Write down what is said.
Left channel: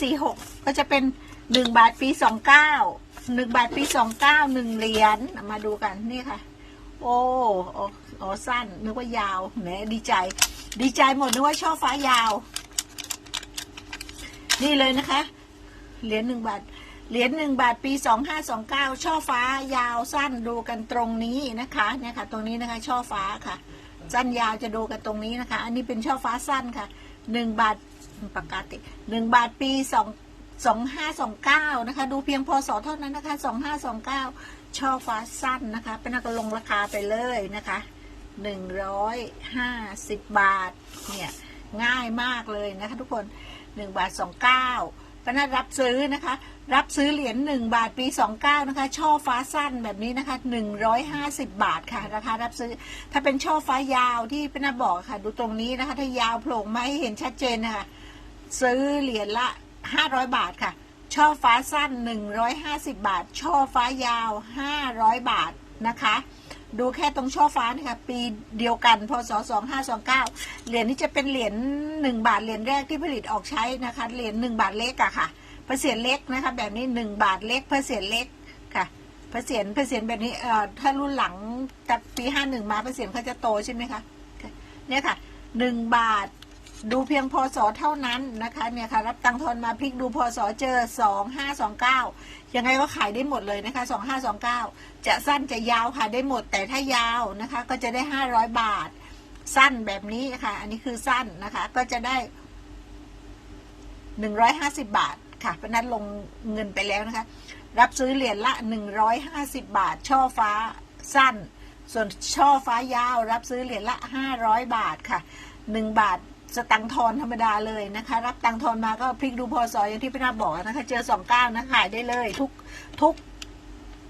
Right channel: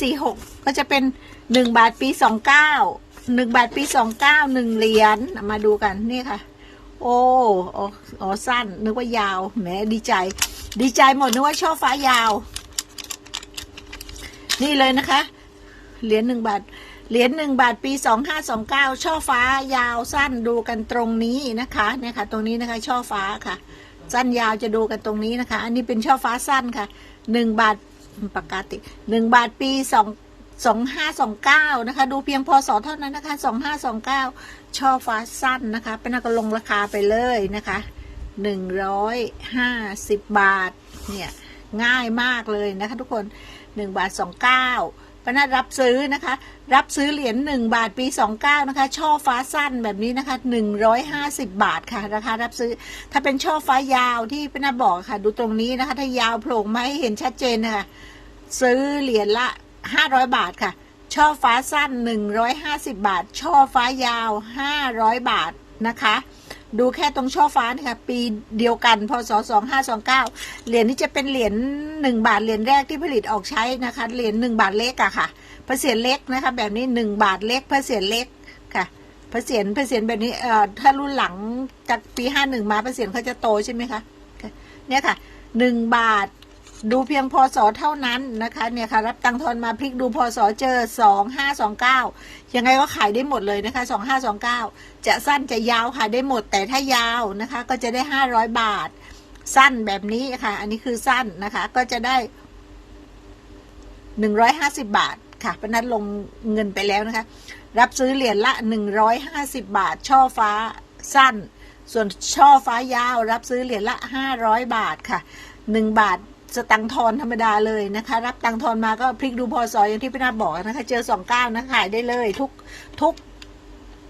สี่หกก็จะเป็นหนึ่งบาทปีสองเก้าหนึ่งบาทปีสองเก้าหนึ่งเหรียญมาดูกันนี่ค่ะ โอ้อ๋อสั้นนึกว่ายาวแหมดีใจ ดีใจหมดนึกว่าช่อฟ้ายาว นี่เลยนะคะ เหรียญหนึ่งบาทเหรียญหนึ่งบาทปีสองห้าสองเก้าช่อฟ้ายาวสั้นดูกันตรงนี้นะคะเนี่ยค่ะ ตรงนี้นะคะช่อฟ้าค่ะ สั้นยาวจะดูกันตรงนี้นะคะ อันนี้เป็นช่อฟ้าสั้นค่ะหนึ่งบาท ปกติหนึ่งบาทปีสองสองห้าสองเก้านะคะ ดูเพียงพศเท่านั้นนะคะสองห้าสองเก้าช่อฟ้าสั้นนะคะ เป็นนักลงราคาไปเลยนะคะหนึ่งร้อยห้าสิบบาท เนี่ย ง่ายมากเลยนะคะทุกคนหนึ่งบาทสองเก้าปนัดรับซื้อนะคะ รับซื้อเหรียญหนึ่งบาทปีสองเก้านะคะ ช่อฟ้าสั้นแบบนี้นะคะหนึ่งร้อยห้าสิบบาทค่ะ ราคารับซื้อ ถ้าเป็นช่อฟ้ายาวที่เป็นนาบอกค่ะ ดูตรงนี้นะคะ ถ้ายาวโผล่มาให้เห็นชัดเจนนะคะ ซื้อเหรียญละห้าร้อยบาทค่ะ ช่อฟ้าสั้นหนึ่งร้อยห้าสิบาท ช่อฟ้ายาวห้าร้อยบาทนะคะ ดูแค่ตรงช่อฟ้านี่ค่ะปีเดียวกันพศสองห้าสองเก้าเหรียญนี้จะเป็นเหรียญหนึ่งบาทเหรียญแรกที่ผลิตออกใช้นะคะ เหรียญหนึ่งบาทเล็กอะค่ะพระเศียรเล็กนะคะ แบบนี้หนึ่งบาทเล็กพระเศียรเล็กค่ะพระเศียรพระเศียรแบบนี้เอ่อถ้ารุ่นหลังจากปีห้าหนึ่งมาพระเศียรเขาจะโตใช่ไหมคะค่ะเนี่ยค่ะหนึ่งบาท ดูเพียงพศเท่านั้นนะคะเนี่ยค่ะรับตังทอนมาพลิกดูพศเจอสองห้าสองเก้ายังไงก็ขายได้หมดเลยนะคะสองห้าสองเก้าจะสั้นจะยาวขายได้หมดแต่ถ้ายาวนะคะ ก็จะได้ห้าร้อยบาท สั้นแบบนี้ค่ะ อันนี้คือสั้นนะคะ ก็จะได้หนึ่งร้อยห้าสิบบาทค่ะนัดลงเงินไปแล้วนะคะ รับซื้อเหรียญละ 150 บาท ช่อฟ้าสั้น ส่วนช่อฟ้ายาว รับซื้อเหรียญละ 500 บาทค่ะ 1 บาท สตังทอนธรรมดาเลยนะคะ รับตังทอนมาก็พลิกดูพอสออย่างที่พี่นาบอกนะคะ เจอสองก้านะขายได้เลยทุกทุก